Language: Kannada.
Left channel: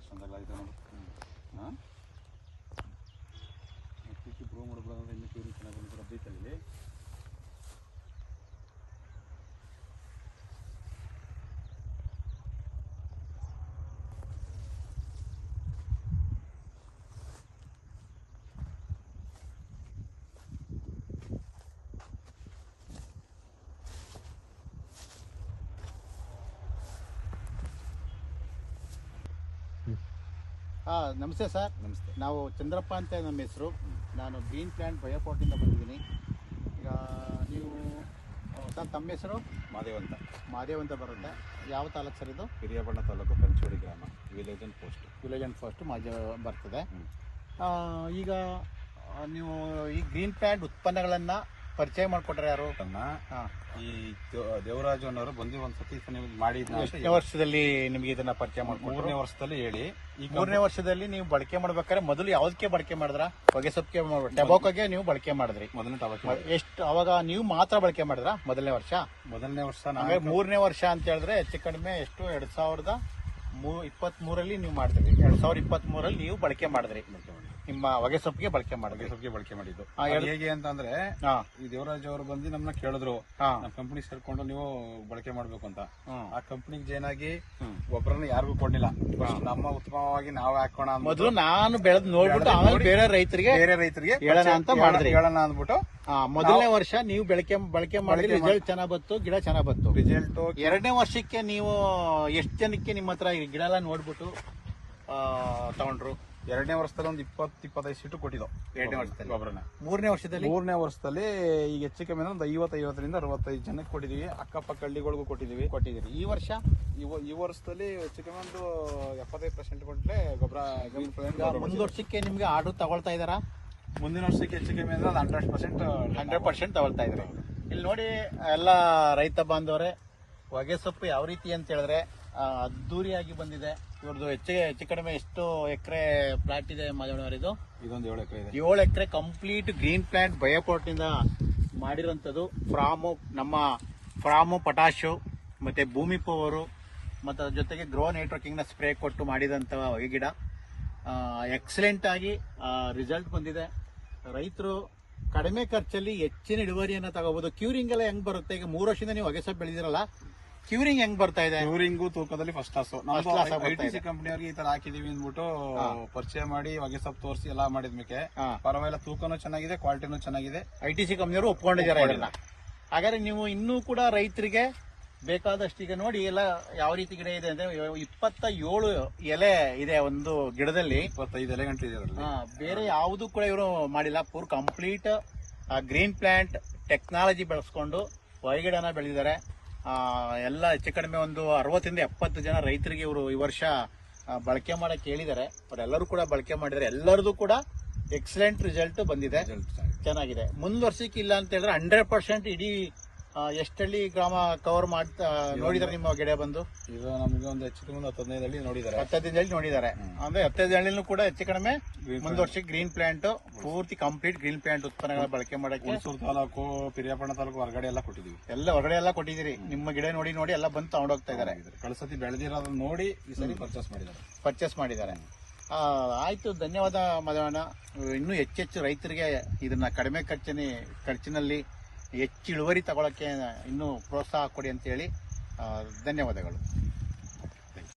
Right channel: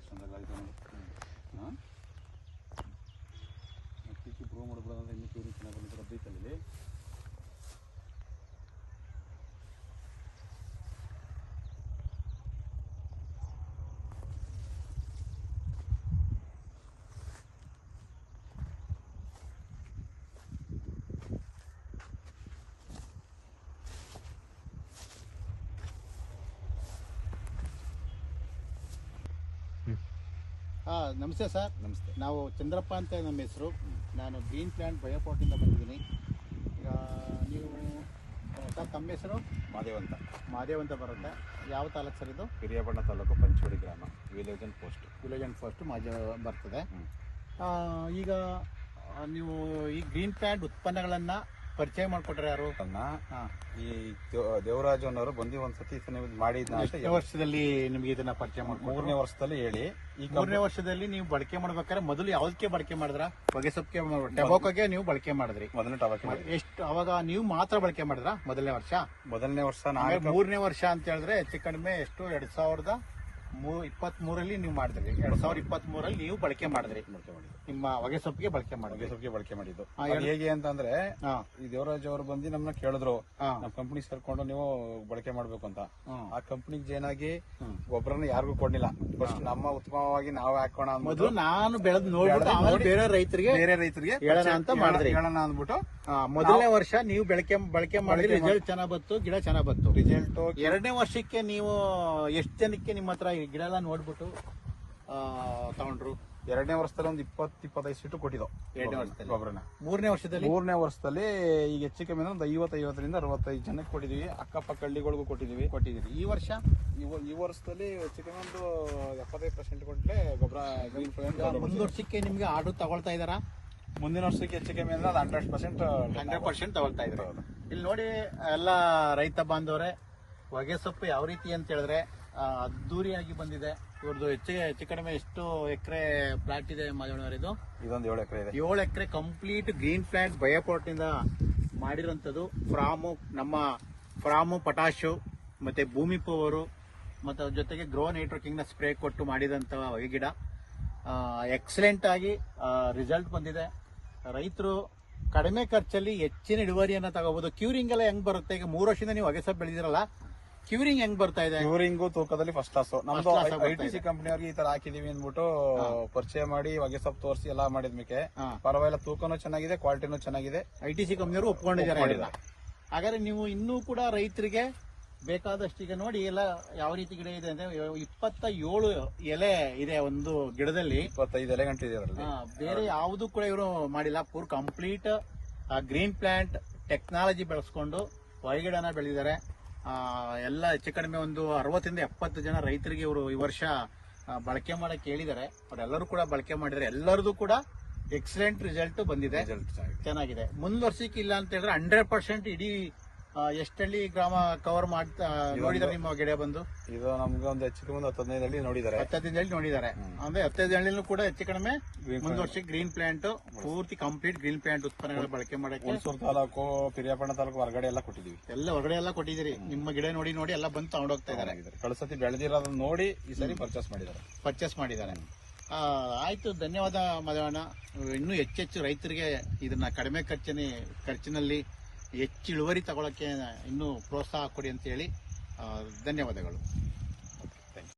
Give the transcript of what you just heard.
ಇಷ್ಟೊಂದೆಲ್ಲ ಇದೆ ನೋಡಿ. ಹಾಂ ಅಕ್ಕಿ ಪ್ರೂವ್ ಮಾಡ್ಬಿಡೋದಂದ್ರೆ ಇನ್ನೂ ಕ್ಯೂರಿಂಗ್ ಚೆನ್ನಾಗಿ ಬಂದಿರೋ ಬೈತಲ್ಲಿ ನಮಸ್ತೆ ಸರ್. ನಮಸ್ತೆ. ನಾವು ಚಂದ್ರಪ್ಪ ಅಂತ ನಮ್ಮ ಹೆಸರು. ನಾನು ಗ್ರೀನ್ ಪ್ಲಾಂಟ್ ಬಯೋಪಾಟಿಂದ ಬಂದಿದ್ದೀನಿ. ಈಗ ನೀವು ಸರ್ ತಮ್ಮ ಹೆಸರು? ಮಾದೇವ್ ಅಂತ ಬರುತ್ತೆ. ಯಾವ ತಾಲೂಕು ಸರ್ ಇದು? ಹಿರಿಯಬಣ್ಣ ತಾಲೂಕು, ಪಂಚೋಡಿ ಗ್ರಾಮ, ವಿಲೇಜ್ ಅಂಡ್ ಪೋಸ್ಟ್ ಬರ್ತದೆ. ಈಗ ನೀವು ಈ ಗ್ರೀನ್ ಪ್ಲಾಂಟ್ ಉತ್ಪನ್ನಗಳನ್ನು ಪರಿಚಯ ಮಾಡಿಕೊಟ್ರೆ ಯಾರು? ಈ ದೇವರಾಜು ಅನ್ನೋರು ಬಂದು ಒಂದ್ಸತಿ ಮಾಡಿದ್ನ. ಎಷ್ಟನೇ ವರ್ಷದಲ್ಲಿ ನಿಮಗೆ ಇದನ್ನ ಪರಿಚಯ ಮಾಡಿ? 3ನೇ ವರ್ಷದಲ್ಲಿ ಹೇಳಿ. ಈ 3ನೇ ವರ್ಷದಲ್ಲಿ ನೀವು ಬಳಕೆ ಮಾಡ್ಬೇಕಾದ್ರೆ ಮೊದಲು ಯಾವ್ದಕ್ಕೆ ಬಳಕೆ ಮಾಡಿದ್ರ? ಹೊಗೆ ಸೊಪ್ಪಿಗೆ, ಟೊಬಾಕೋಗೆ ನೀವು ಬಳಕೆ ಮಾಡಿದ್ರಿ? ಮೊದಲನೇ ಟೊಬಾಕೋ. ಎಷ್ಟು ಅವಾಗ ನೀವು ಮಾತ್ರ ಬಳಕೆ ಮಾಡಿದ್ರ ಮೊದಲನೇ ವರ್ಷ? 3ನೇ ವರ್ಷ ಅಂತ ಹೇಳಿದ್ರೆ ಹೆಚ್ಚು ಕಡಿಮೆ ಎಷ್ಟು 2023 ನೀವು ಮಾಡಿದ್ರಿ. 2023 ನೀವು ಬಳಕೆ ಮಾಡಿದ್ರಿ ನಿಮ್ಮ ಹೊಗೆ ಸೊಪ್ಪಿಗೆ ಬಳಕೆ ಮಾಡಿದ್ದು. ಹೇಗೆ ಅಂತಂದ್ರೆ ಈ ದೇವರಾಜ್ ಅವರು ಬಂದು ನಮ್ಮನ್ನ ಕೇಳಿದ್ರು, ನಮ್ಮ ಕಂಪನಿ ಸೇರ್ಕೊಂಡು ನೀವು ಬಳಕೆ ಮಾಡ್ಬೇಕು ಅಂತ. ಆ ಕಂಪನಿಗೆ ಜಾಯ್ನ್ ಆಗಿ ಗೊಬ್ಬರನ ಯಾರಿಗೂ ಕೊಡ್ಲಿಲ್ಲ. ಫಸ್ಟ್ ನಮ್ಮ ಉತ್ತಮವಾಗಿ ನಾವೇ ಹಾಕೋಣ ಮೊದಲು ನಾನು ಬೆಳೆದು ನೋಡಿ ಬೇರೆ ರೈತರಿಗೆ ಹೇಳೋಣ ಅಂದ್ಬಿಟ್ಟು ಮೊದಲನೇ ವರ್ಷ ನೀವು ಬಳಕೆ ಮಾಡಿ ರಿಸಲ್ಟ್ ಚೆನ್ನಾಗ್ ಬಂತು, ಗಿಡ ಚೆನ್ನಾಗ್ ಬಂತು. ರಿಸಲ್ಟ್ 2ನೇ ವರ್ಷಕ್ಕೆ ನೀವು ಎಷ್ಟು ಜನಕ್ಕೆ ನಿಮ್ಮ ಹತ್ರ ಗಿಡ ಎಲ್ಲ ನೋಡ್ಬಿಟ್ಟು ತಗೊಂಡ್ರು? 2ನೇ ವರ್ಷದಲ್ಲಿ ಒಂದು 20-25 ಸೀಟು ಕೊಟ್ಟಿದ್ದು 2ನೇ ವರ್ಷದಲ್ಲಿ. ಗೊಬ್ಬರನ 3ನೇ ವರ್ಷದಲ್ಲಿ ಈಗ ಹೆಚ್ಚು ಕಮ್ಮಿ ಒಂದು 50-50ರಿಂದ 65 ಜನಕ್ಕೆ ಕೊಟ್ಟಿದೀವಿ. ಅಕ್ಕಪಕ್ಕ ಹಳ್ಳಿಗಳಿಗೂ ಕೊಟ್ಟಿದೀವಿ. ಈ ವರ್ಷ ಈ ವರ್ಷದಲ್ಲಿ ಹೆಚ್ಚು ಕಮ್ಮಿ ಒಂದು 75% ಕೊಟ್ಟರೆ ಗೊಬ್ಬರ. ಮುಂದಿನ ವರ್ಷಕ್ಕೆ ನಿಮ್ಗೆ ಆರ್ಡರ್ ತಗೊಳ್ತಾ ಇದಾರಾ? ಮುಂದಿನ ವರ್ಷಕ್ಕೆ ಹೆಚ್ಚು ಕಮ್ಮಿ ಅಂದ್ರೆ ಅದು 100% ತಗೊಳ್ತಾ ಇದ್ರು ಅವರು. ಇಲ್ಲಿ ನೋಡಿ ಎಲ್ಲ ರೈತ ಬಾಂಧವರೇ, ಹೊಗೆ ಸೊಪ್ಪು ಯಾವ ರೀತಿ ಅಂತ ಹೇಳಿದ್ರೆ ಅದ್ದೂರಿಯಾಗಿ ಬಂದಿದೆ. ಇವ್ರದ್ದು ಹೆಚ್ಚು ಕಡಿಮೆ ಎಷ್ಟು ಎಕರೆ ಪ್ಲಾಟ್ ಇದೆ ಮಾದೇವನವರಿದು? ಇದೊಂದು 7 ಎಕರೆ ಇದೆ. 7 ಎಕರೆ ಕಂಪ್ಲೀಟ್ ಗ್ರೀನ್ ಪ್ಲಾಂಟ್ ಬಯೋಪಾಟಿಂದ ಮಾಡಿರೋಂಥದ್ದು. ಫ್ರಾಮು ಪೊಟ್ಯಾಶು ಮತ್ತೆ ಭೂಮಿ ಪವರು ಮತ್ತು ಅದ್ರ ಜೊತೆಗೆ ಗ್ರೋ ನೆಟ್ವರ್ಕಿಂಗ್ನ ಸ್ಪ್ರೇ ಕೊಟ್ಟು ಮಾಡಿದಂಥ ಹೊಗೆ ಗಿಡ ಎಕ್ಸಲೆಂಟ್ ಆಗಿ ರಿಸಲ್ಟ್ ಬಂದಿದೆ. ರೈತರು ಕಡಿಮೆ ಖರ್ಚಲ್ಲಿ ಹೆಚ್ಚಿನ ಇಳುವರಿಯನ್ನು ತಗೋಬಹುದು. ಕ್ಯೂರಿಂಗ್ ಎಲ್ಲ ಹೆಂಗ್ ಬರುತ್ತೆ? ಈಗ 3 ವರ್ಷದಿಂದ ನೀವು ಹೊಗೆ ಸೊಪ್ಪು ಬೆಳೆದಿರಲ್ಲ, ಕ್ಯೂರಿಂಗ್ ಹೆಂಗ್ ಬರ್ತಾ ಇದೆ? ಕ್ಯೂರಿಂಗು ತೂಕದಲ್ಲಿ ಫಸ್ಟ್ ಕ್ಲಾಸ್. ನಮ್ದು ITC ಕಂಪನಿಯವ್ರಿಗೆ ಈ ತರ ಹಾಕಿದೀವಿ ಅಂದ್ಬಿಟ್ಟು ಪರಿಚಯ ಮಾಡಿ ಹೊಗೆ ಸೊಪ್ಪು ತೋರಿಸಿ ಎಲ್ಲ ಮಾಡಿದ್ಮೇಲೆ ಪರವಾಗಿಲ್ಲ, ತೂಕನೂ ಚೆನ್ನಾಗಿದೆ, ಕ್ವಾಲಿಟಿನೂ ಚೆನ್ನಾಗಿದೆ. ITC ಕಂಪನಿಯವರು ಒಪ್ಕೊಂಡಿದ್ದಾರೆ. ಹಾಗಾದ್ರೆ ನೀವು ಇನ್ನೂ ಕೂಡ ರೈತರಿಗೆ ಬೇಕಾದಷ್ಟು ಈಗ ನೋಡಿ ಎಲ್ಲ ಯಾವ ರೀತಿ ಗಿಡ ಇದೆ ಅಂದ್ರೆ 27 ಎಲೆ ಇದೆ ಒಂದು ಗಿಡದಲ್ಲಿ. 25 ಎಲೆ ಗಂಟೆ ಇದೆ. ಬೇರೆ ಯಾವುದು ಕೂಡ ಇವರು ಮಾಡಿಲ್ಲ. Poor complete green plant technology ಬಳಸ್ಕೊಂಡು ಹೊರಗಿಡನ ಬೆಳೆದಿದ್ದಾರೆ. ಎಲ್ಲ ಹೆಚ್ಚು ಕಡಿಮೆ ಒಂದು 60-70 ಜನ ರೈತರಿಗೆ ಇವರು ಈ ವರ್ಷ ಬಳಕೆ ಮಾಡಕ್ಕೆ ಹೇಳಿದ್ದಾರೆ. ಅವರೆಲ್ಲರೂ ಕೂಡ ಬಳಕೆ ಮಾಡಿದ್ದಾರೆ. ಎಲ್ಲರದು ಕೂಡ ಎಕ್ಸಲೆಂಟ್ ರಿಸಲ್ಟ್ ಬಂದಿದೆ, ಚೆನ್ನಾಗಿದೆ. ಮುಂದ್ ವರ್ಷಕ್ಕೆ ಇಲ್ಲ ಅಂತ ಹೇಳಿದ್ರೆ 100% ಇಡೀ ಎಷ್ಟಳ್ಳಿ ಗ್ರಾಮ ಕವರ್ ಮಾಡ್ತಾ ನೋಡಿದಾರೆ ನಿಮ್ಮ ಗಿಡ ಬಂದು? ಇದು ನಮ್ಗೆ ಒಂದು ಹೆಚ್ಚು ಕಡಿಮೆ 15 ಹಳ್ಳಿ ನೋಡಿದ್ದಾರೆ. 15 ಹಳ್ಳಿ ನೋಡಿದ್ದಾರೆ ಅಂದ್ರೆ 15 ಹಳ್ಳಿನೂ ಕೂಡ ಹೆಚ್ಚು ಕಡಿಮೆ ಮುಂದ್ ವರ್ಷಕ್ಕೆ ಗ್ರೀನ್ ಪ್ಲಾಂಟ್ ಪೂರ್ತಿ ಕಂಪ್ಲೀಟ್ ಗ್ರೀನ್ ಪ್ಲಾಂಟ್ ಉತ್ಪನ್ನಗಳ ಬಳಕೆ ಮಾಡಕ್ಕೆ ಹುಣಸೂರು ತಾಲೂಕು, ಹಿರಿಯಬಣ್ಣ ತಾಲೂಕು ಹೊರಗಡೆ ಎಲ್ಲ ಕೊಟ್ಟಿದ್ದೀವಿ. ಹೊರಗಡೆ ಎಲ್ಲ ಕೊಟ್ಟಿದ್ದೀರಿ. ನಿಮ್ಮ ಗಿಡ ನೋಡಿ ಎಲ್ಲ ಬಂದು ತಗೊಂಡೋಗ್ತಾ ಇದ್ದಾರೆ. ಕಳಸತಿ ಬೆಳೆದಿರೋದನ್ನ ನೋಡಿ ಈ ಸರಿ ಪರ್ಚೇಸ್ ಮಾಡಿದ್ದಾರೆ. ಆಯ್ತು, ಧನ್ಯವಾದ ಮಾದೇವಣ್ಣ. ಇನ್ನೂ ಹೆಚ್ಚೆಚ್ಚು ರೈತರಿಗೆ ಇದನ್ನ ಕಡಿಮೆ ಖರ್ಚಿನಲ್ಲಿ ಹೆಚ್ಚು ಇಳುವರಿ ತಗೊಳಕ್ಕೆ ಇನ್ನೂ ಪ್ರೋತ್ಸಾಹ ಕೊಡಿ ಅಂತ ಹೇಳಿ ಧನ್ಯವಾದಗಳು.